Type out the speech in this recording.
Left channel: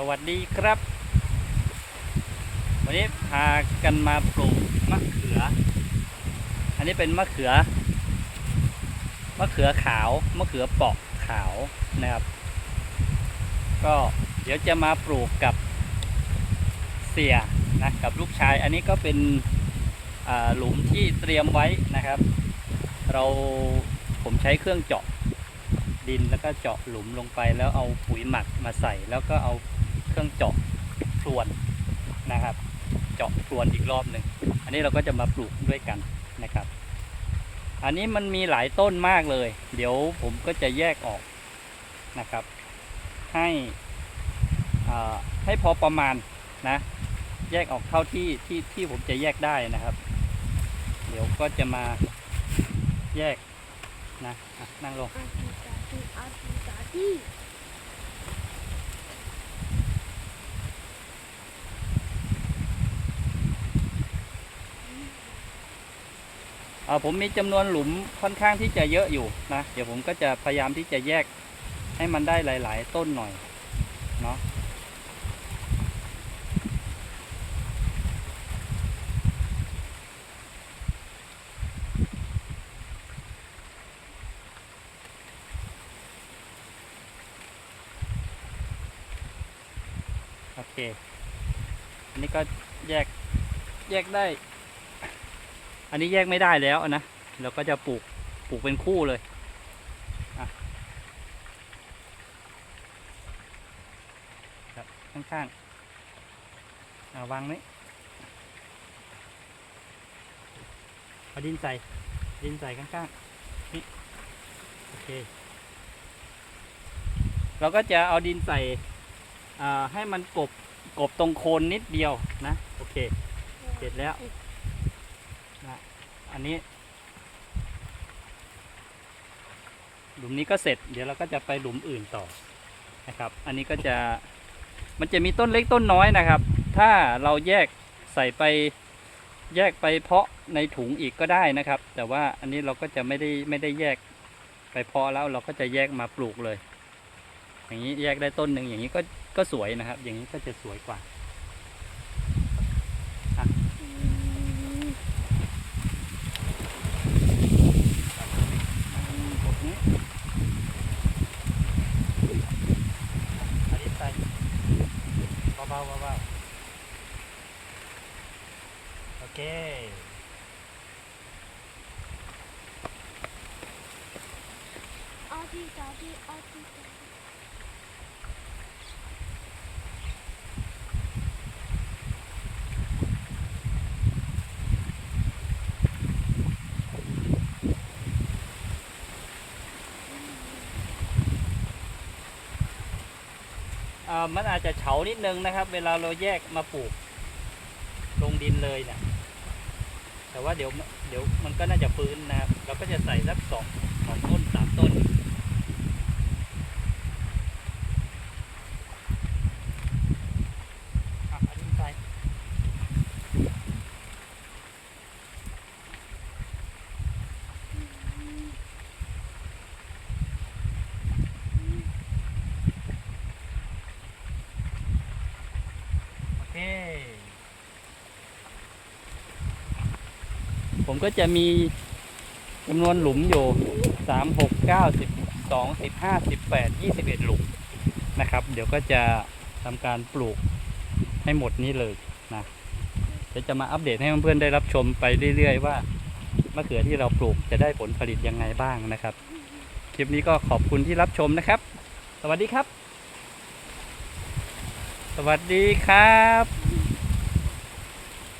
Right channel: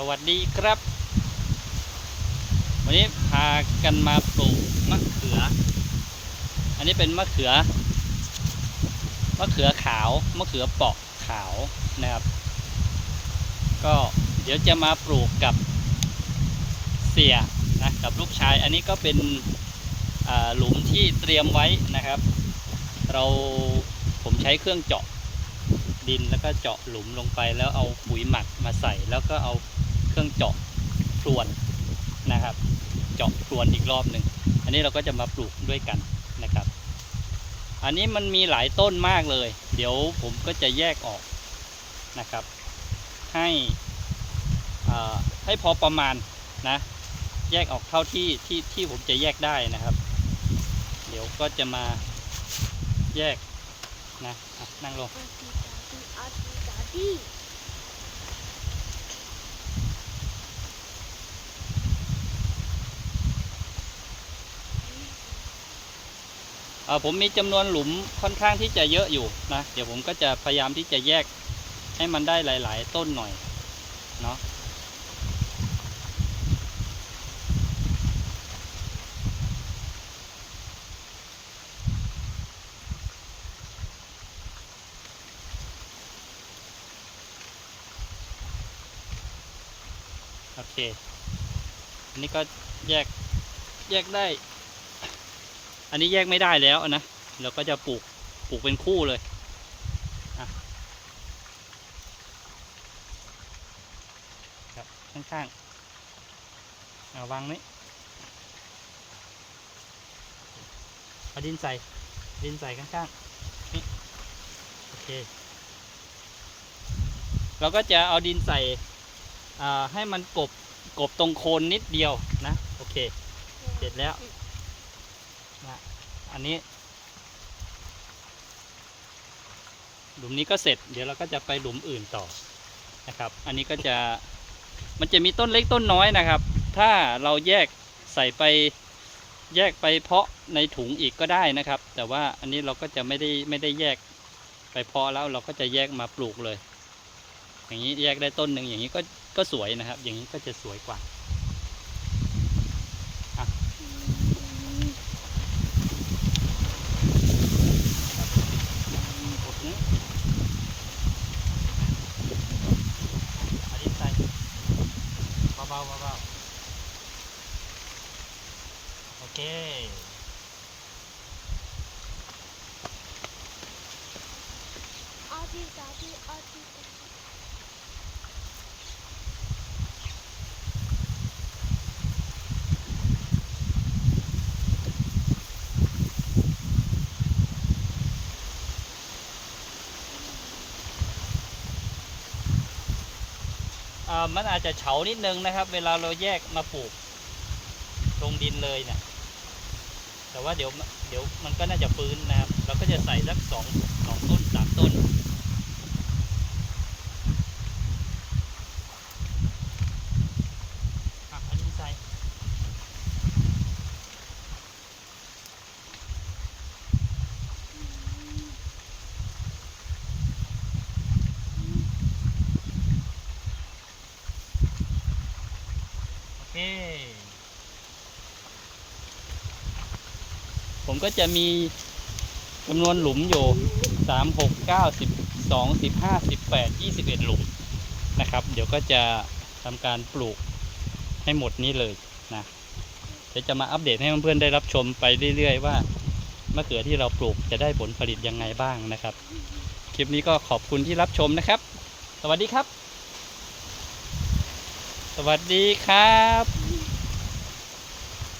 สวัสดีครับ วันนี้พากันมาปลูกมะเขือ อันนี้เป็นมะเขือ มะเขือขาว มะเขือเปาะขาวนะครับ ก็เดี๋ยวจะมาปลูกกับเสียนะกับลูกชาย อันนี้ก็เป็นหลุมที่เตรียมไว้นะครับ เราผมใช้เครื่องเจาะดินแล้วก็เจาะหลุมลงไปแล้วเอาปุ๋ยหมักมาใส่แล้วก็เอา เครื่องเจาะพรวนนะครับ เจาะพรวนอีกรอบหนึ่งอันนี้เราก็จะมาปลูกด้วยกันนะครับ อันนี้มันมีหลายต้นมากเลย เดี๋ยวผมก็จะแยกออกนะครับ ให้ให้พอประมาณนะแยกออกเท่าที่ที่ที่ผมจะแยกได้นะครับ เดี๋ยวก็จะมาแยกนะะนั่งลง อาดีอาดี เอ่อ ผมมีจำนวนหลุมค่อนข้างที่จะเยอะอยู่นะ เดี๋ยวผมก็จะพยายามที่จะแยกให้มันได้หลาย ๆ ต้นหน่อยเนาะโอเค อันนี้ก็แยก แยกได้ อันนี้แยกไม่ได้แล้วนะ เราก็จะปลูกปลูกเป็นคู่เลยอะครับข้างๆอาวางนี้เอาดินใส่ ดินใส่ข้างๆนี่โอเค เราก็จะเอาดินใส่ให้มันกบกบตรงโคนนิดเดียวนะ โอเค เสร็จแล้ว อันนี้ หลุมนี้ก็เสร็จ เดี๋ยวเราก็จะไปหลุมอื่นต่อนะครับ อันนี้ก็จะมันจะมีต้นเล็กต้นน้อยนะครับ ถ้าเราแยกใส่ไปแยกไปเพาะในถุงอีกก็ได้นะครับ แต่ว่าอันนี้เราก็จะไม่ได้ไม่ได้แยกไปเพาะแล้วเราก็จะแยกมาปลูกเลย อย่างนี้แยกได้ต้นหนึ่งอย่างนี้ก็ก็สวยนะครับ อย่างนี้ก็จะสวยกว่า กดนี้อันนี้ใส่ เบาๆเบาๆโอเคอาดีอาดีอาดี มันอาจจะเฉานิดนึงนะครับ เวลาเราแยกมาปลูก ลงดินเลยเนะี่ยแต่ว่าเดี๋ยวเดี๋ยวมันก็น่าจะฟื้นนะครับ เราก็จะใส่สักสองสองต้นสามต้น อะอันนี้ใส่โอเค ผมก็จะมีจำนวนหลุมอยู่สามหกเก้าสิบสองสิบห้าสิบแปดยี่สิบเอ็ดหลุมนะครับ เดี๋ยวก็จะทำการปลูกให้หมดนี้เลยนะเดี๋ยวจะมาอัปเดตให้เพื่อนๆได้รับชมไปเรื่อย ๆ ว่ามะเขือที่เราปลูกจะได้ผลผลิตยังไงบ้างนะครับ คลิปนี้ก็ขอบคุณที่รับชมนะครับ สวัสดีครับ สวัสดีครับ